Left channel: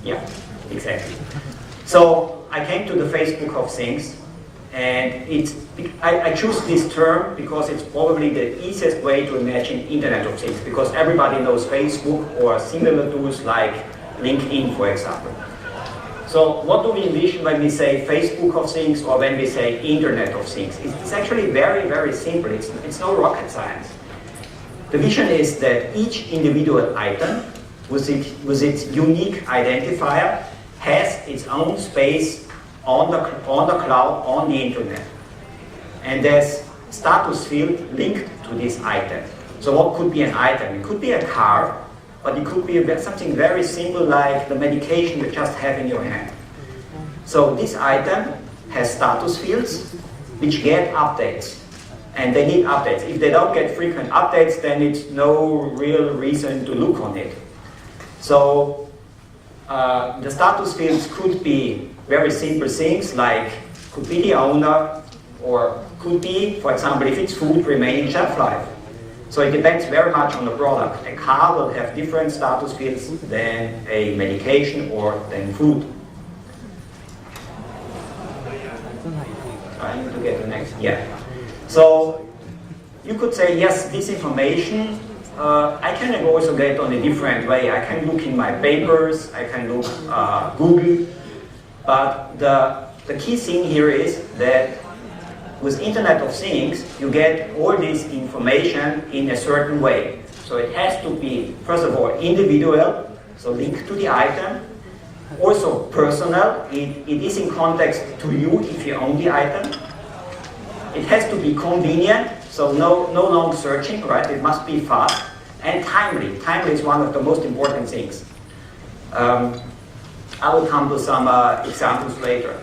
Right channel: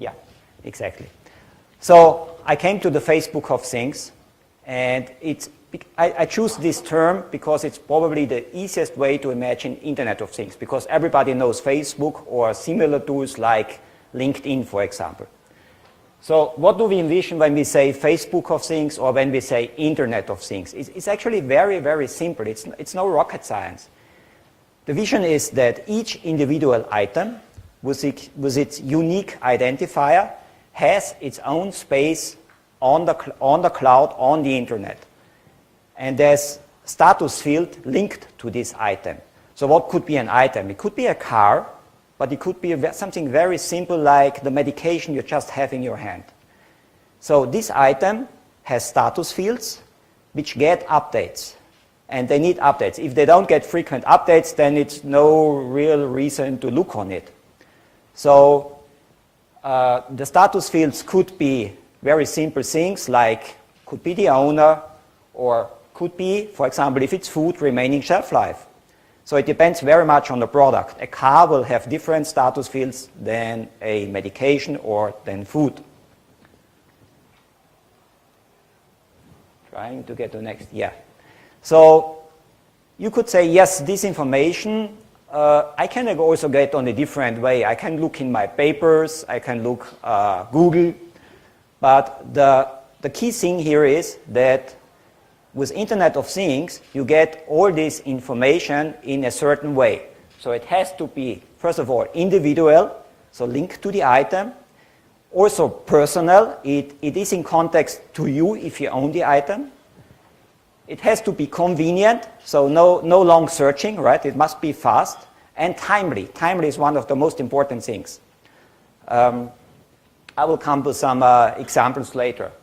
Yeah, exactly. So I came to the Facebook of things, and I choose this term because it's probably the easiest way to imagine Internet of Things, because everybody knows Facebook or similar tools like LinkedIn, for example. So what do we envision when we say Facebook of Things or when we say Internet of Things? It's actually very, very simple. It's no rocket science. The vision is that each individual item with its unique identifier has its own space on the cloud, on the internet. And there's status field linked to this item. So what could be an item? It could be a car, but it could be something very simple like the medication you just have in your hand. So this item has status fields which get updates. And they need updates. If they don't get frequent updates, then it's no real reason to look on it. So the status fields could be very simple things like could be the owner, or could be, for example, if it's food, remaining shelf life. So it depends very much on the product. A car will have different status fields than a medication or than food. I need to get the next. Yeah. So you could say, yes, this information I can also get on a different way. I can look in my papers, I can look Google, but the key thing here is that with Internet of Things, you get all this information in a certain way. So it has to be, first of all, individual, so linked to the item, also personal, it is in context to you if you own the item. It has to be convenient, so no long searching, right? It must be fast. And timely. Timely is one of the most important things. I will come to some examples later.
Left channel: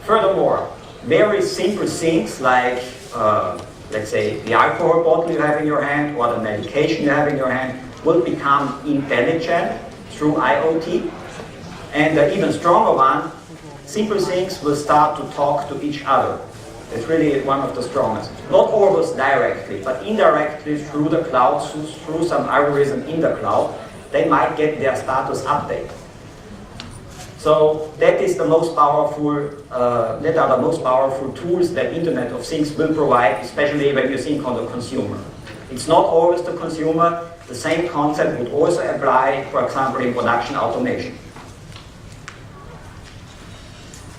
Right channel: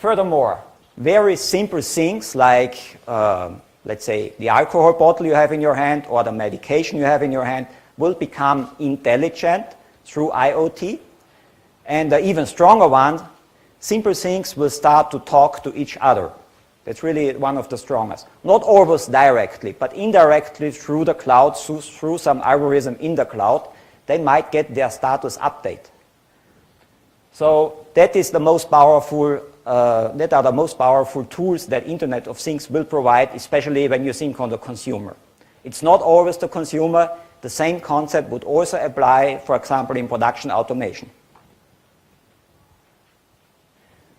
Furthermore, very simple things like, let's say, the alcohol bottle you have in your hand or the medication you have in your hand will become intelligent through IoT. And the even stronger one, simple things will start to talk to each other. It's really one of the strongest. Not always directly, but indirectly through the cloud, through some algorithm in the cloud, they might get their status update. So that is the most powerful, that are the most powerful tools that Internet of Things will provide, especially when you think on the consumer. It's not always the consumer. The same concept would also apply, for example, in production automation.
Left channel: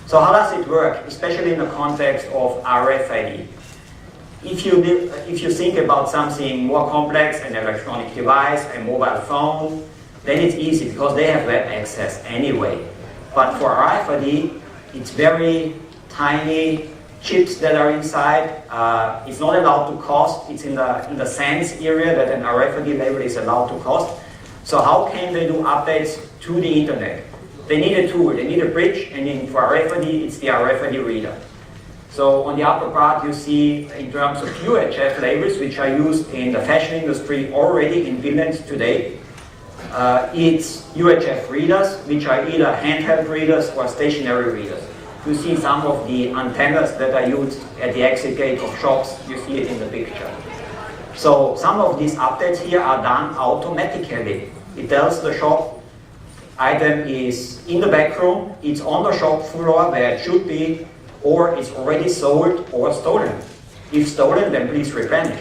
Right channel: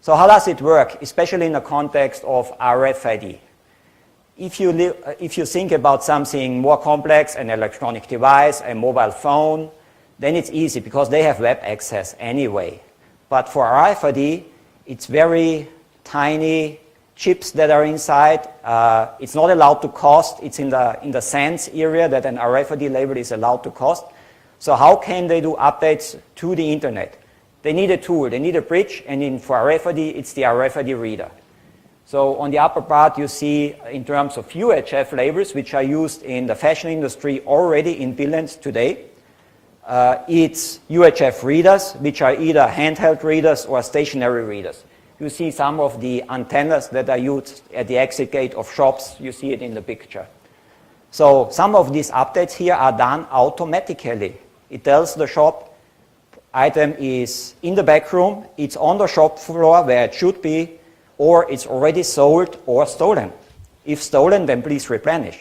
So how does it work, especially in the context of RFID? If you think about something more complex, an electronic device, a mobile phone, then it's easy because they have web access anyway. But for RFID, it's very tiny chips that are inside. It's not allowed to cost. It's in the cents area that an RFID label is allowed to cost. So how can they do updates to the internet? They need a tool, they need a bridge, and for RFID, it's the RFID reader. So on the upper part, you see in terms of UHF labels, which are used in the fashion industry already in billions today. It's UHF readers, which are either handheld readers or stationary readers. You see some of the antennas that are used at the exit gate of shops. You see it in the picture. So some of these updates here are done automatically. It tells the shop, item is in the back room, it's on the shop floor where it should be, or it's already sold or stolen. If stolen, then please replenish.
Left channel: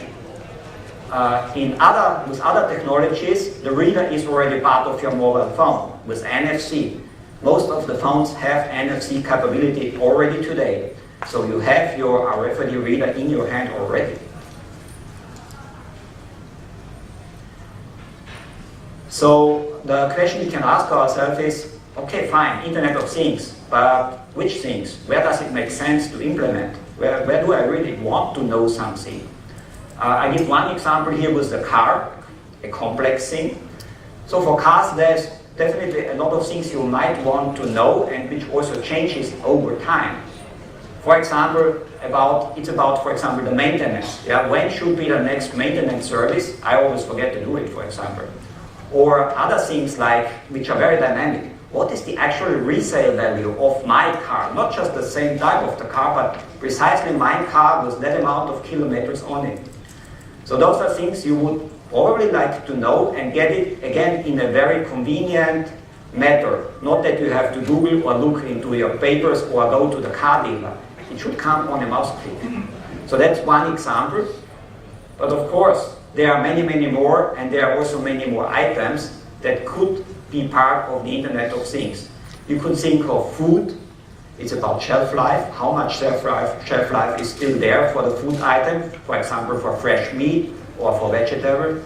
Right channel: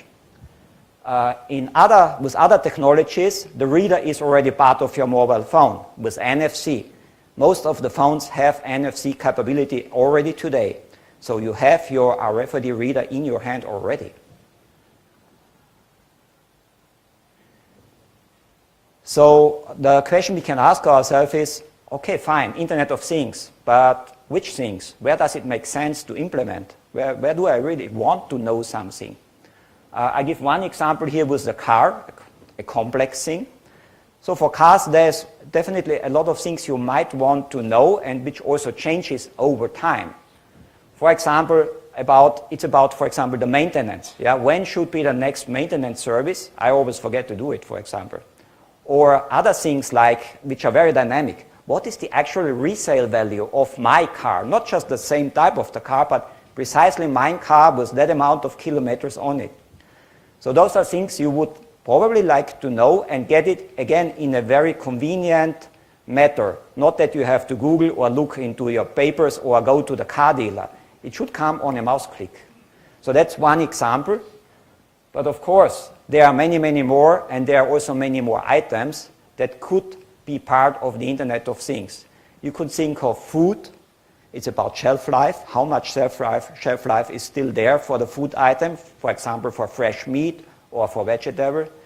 With other technologies, the reader is already part of your mobile phone with NFC. Most of the phones have NFC capability already today. So you have your RFID reader in your hand already. So the question we can ask ourselves is, okay, fine, Internet of Things, but which things? Where does it make sense to implement? Where do I really want to know something? I give one example here with the car, a complex thing. So for cars, there's definitely a lot of things you might want to know and which also changes over time. For example, it's about, for example, the maintenance. Yeah? When should be the next maintenance service? I always forget to do it, for example. Or other things like, which are very dynamic. What is the actual resale value of my car? Not just the same type of the car, but precisely my car with that amount of kilometers on it. So those are things you would probably like to know and get it, again, in a very convenient, matter. Not that you have to Google or look into your papers or go to the car dealer. It should come on a mouse click. So that's one example. But of course, there are many, many more, and there are also many more items that could be part of the Internet of Things. You could think of food. It's about shelf life. How much shelf life is still there for the food item, for example, for fresh meat or for vegetable.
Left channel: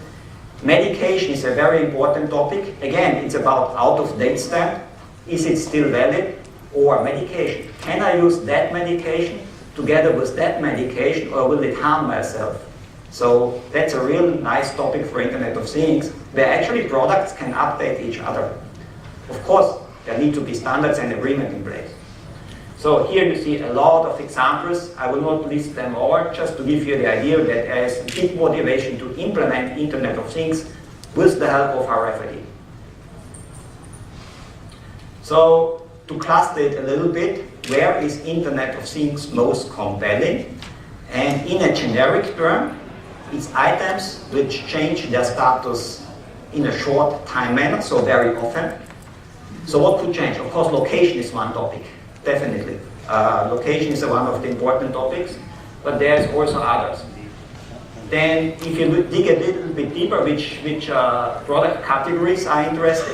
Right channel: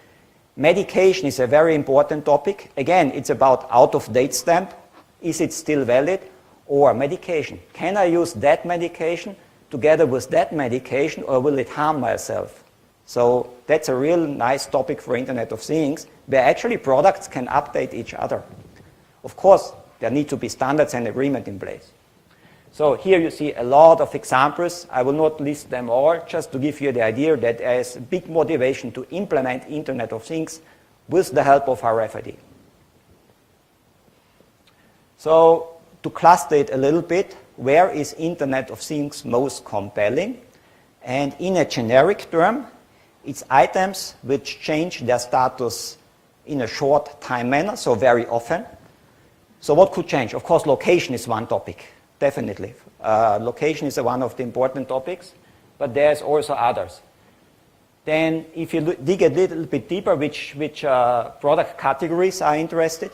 Medication is a very important topic. Again, it's about out-of-date stamp. Is it still valid? Or medication. Can I use that medication together with that medication, or will it harm myself? So that's a real nice topic for Internet of Things, where actually products can update each other. Of course, there need to be standards and agreement in place. So here you see a lot of examples. I will not list them all, just to give you the idea that there is big motivation to implement Internet of Things with the help of RFID. So to cluster it a little bit, where is Internet of Things most compelling? And in a generic term, it's items which change their status in a short time manner, so very often. So what could change? Of course, location is one topic. Definitely. Location is one of the important topics, but there's also others. Then if you dig a little bit deeper, which product categories are interested,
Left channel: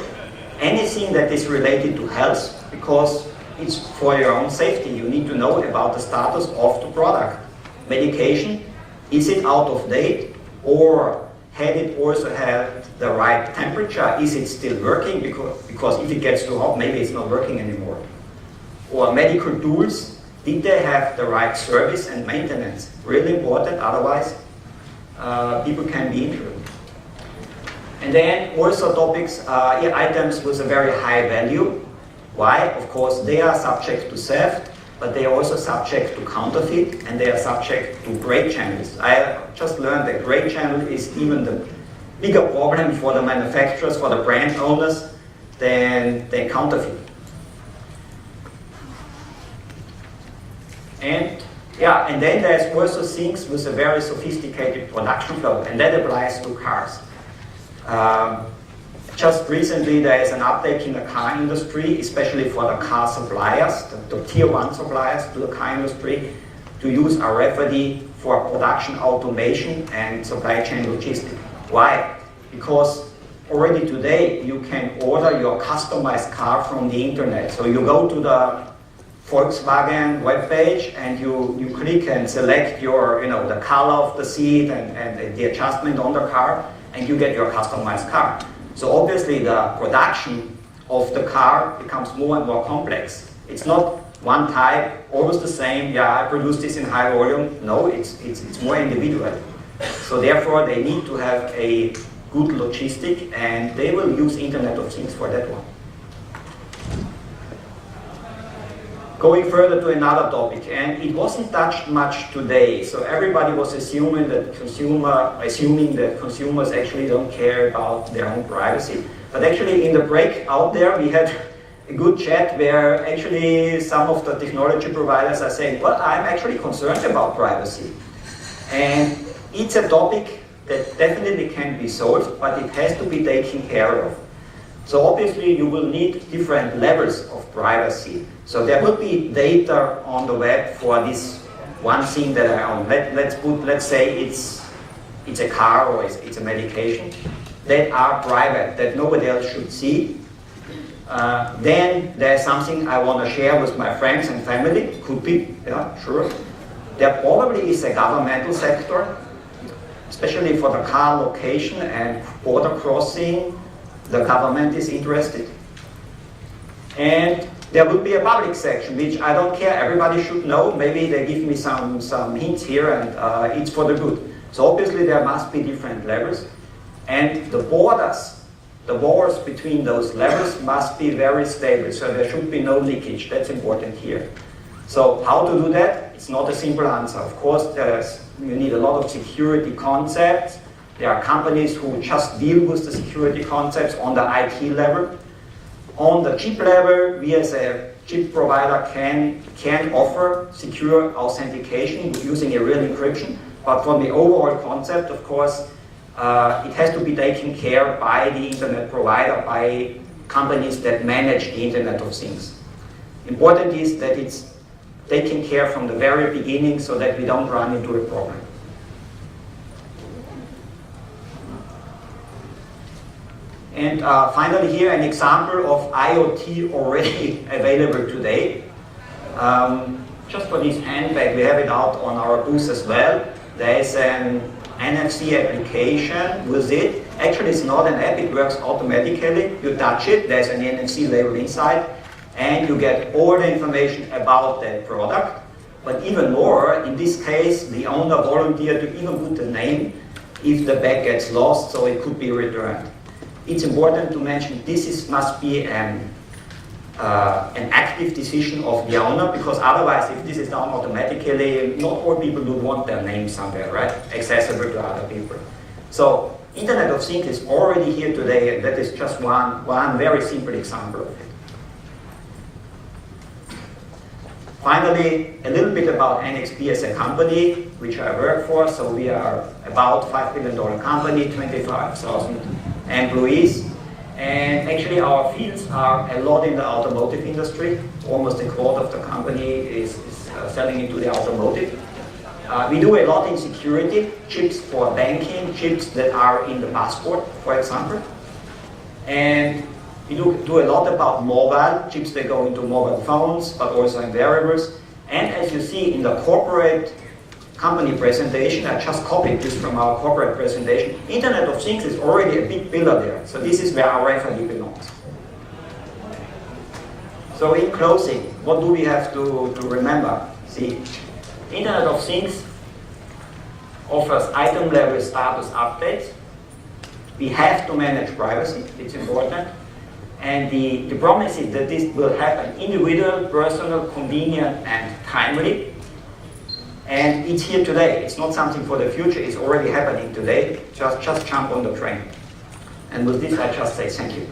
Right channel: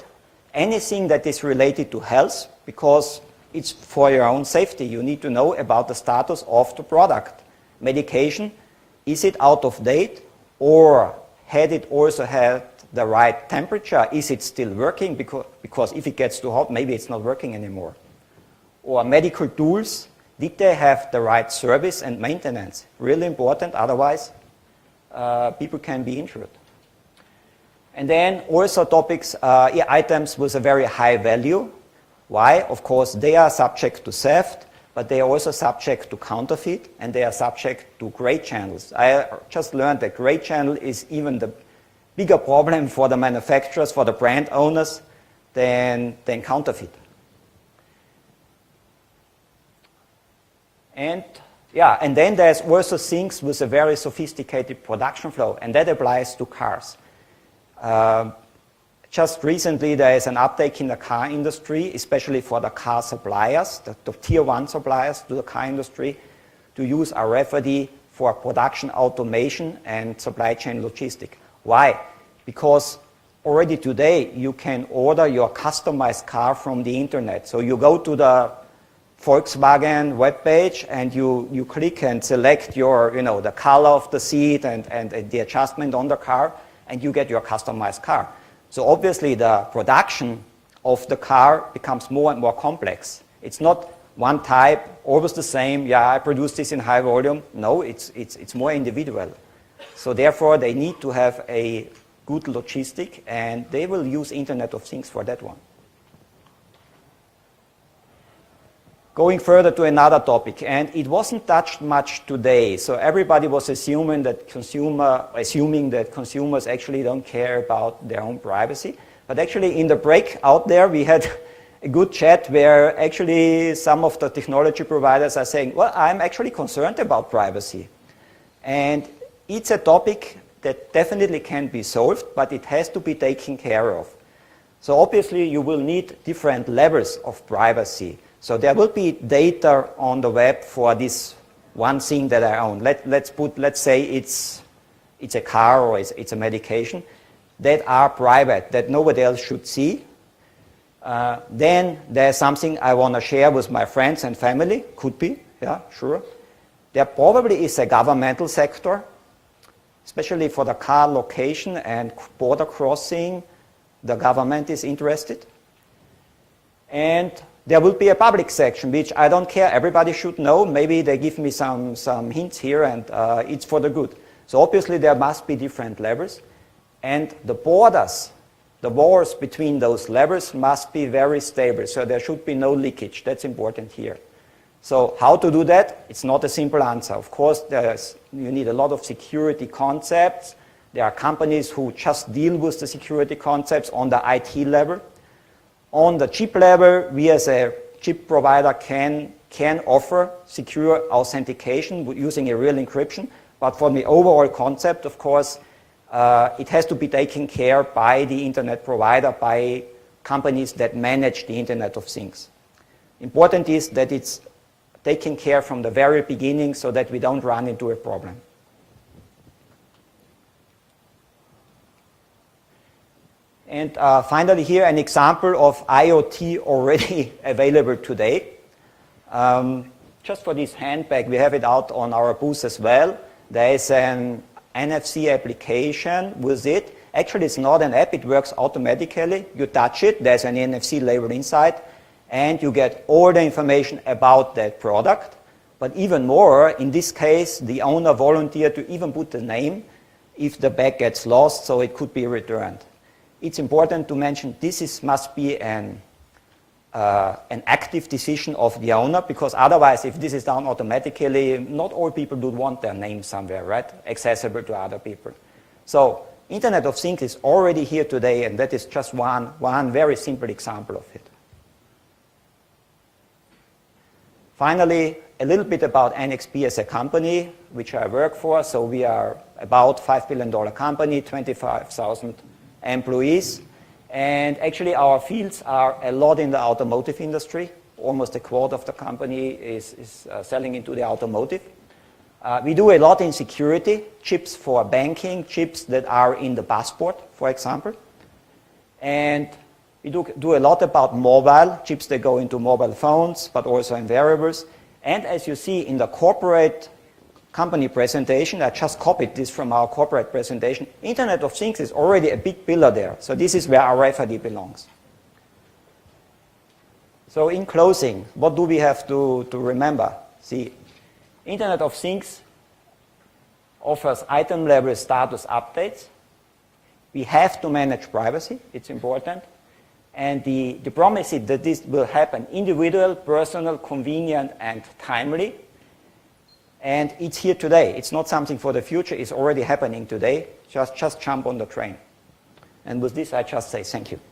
anything that is related to health, because it's for your own safety. You need to know about the status of the product. Medication, is it out of date, or had it also had the right temperature? Is it still working? Because if it gets too hot, maybe it's not working anymore. Or medical tools, did they have the right service and maintenance? Really important, otherwise people can be injured. And then also topics, items with a very high value. Why? Of course, they are subject to theft, but they are also subject to counterfeit, and they are subject to gray channels. I just learned that gray channel is even the bigger problem for the manufacturers, for the brand owners, than counterfeit. And then there's also things with a very sophisticated production flow, and that applies to cars. Just recently, there is an update in the car industry, especially for the car suppliers, the tier 1 suppliers to the car industry, to use RFID for production automation and supply chain logistics. Why? Because already today, you can order your customized car from the internet. So you go to the Volkswagen webpage and you click and select your, the color of the seat and the adjustment on the car, and you get your customized car. So obviously the production of the car becomes more and more complex. It's not one type, always the same, I produce this in high volume. No, it's more individual. So therefore they need to have a good logistic, and they will use Internet of Things for that one. Going further to another topic, and it wasn't touched much today, so everybody was assuming that consumers actually don't care about their own privacy. But actually in the break out there, we had a good chat where actually some of the technology providers are saying, well, I'm actually concerned about privacy. And it's a topic that definitely can be solved, but it has to be taken care of. So obviously you will need different levels of privacy. So there will be data on the web for this one thing that I own. Let's say it's a car or it's a medication that are private, that nobody else should see. Then there's something I want to share with my friends and family. Could be, sure. There probably is a governmental sector, especially for the car location and border crossing. The government is interested. And there will be a public section, which I don't care, everybody should know. Maybe they give me some hints here, and it's for the good. So obviously there must be different levels. And the borders between those levels must be very stable, so there should be no leakage. That's important here. So how to do that? It's not a simple answer. Of course, you need a lot of security concepts. There are companies who just deal with the security concepts on the IT level. On the chip level, we as a chip provider can offer secure authentication using a real encryption. But for the overall concept, of course, it has to be taken care by the internet provider, by companies that manage the Internet of Things. Important is that it's taken care from the very beginning so that we don't run into a problem. And finally here an example of IoT already available today. Just for this handbag, we have it out on our booth as well. There is an NFC application with it. Actually, it's not an app, it works automatically. You touch it, there's an NFC label inside, and you get all the information about that product. But even more, in this case, the owner volunteered to even put the name if the bag gets lost, so it could be returned. It's important to mention this must be an active decision of the owner, because otherwise, if this is done automatically, not all people would want their name somewhere, right? Accessible to other people. So, Internet of Things is already here today, and that is just one very simple example of it. Finally, a little bit about NXP as a company, which I work for. So we are about $5 billion company, 25,000 employees. And actually our fields are a lot in the automotive industry. Almost a quarter of the company is selling into the automotive. We do a lot in security, chips for banking, chips that are in the passport, for example. And we do a lot about mobile, chips that go into mobile phones, but also in wearables. And as you see in the corporate company presentation, I just copied this from our corporate presentation. Internet of Things is already a big pillar there. So this is where RFID belongs. So in closing, what do we have to remember? See, Internet of Things offers item-level status updates. We have to manage privacy, it's important. And the promise is that this will happen individual, personal, convenient, and timely. And it's here today. It's not something for the future. It's already happening today. Just jump on the train. And with this, I just say thank you.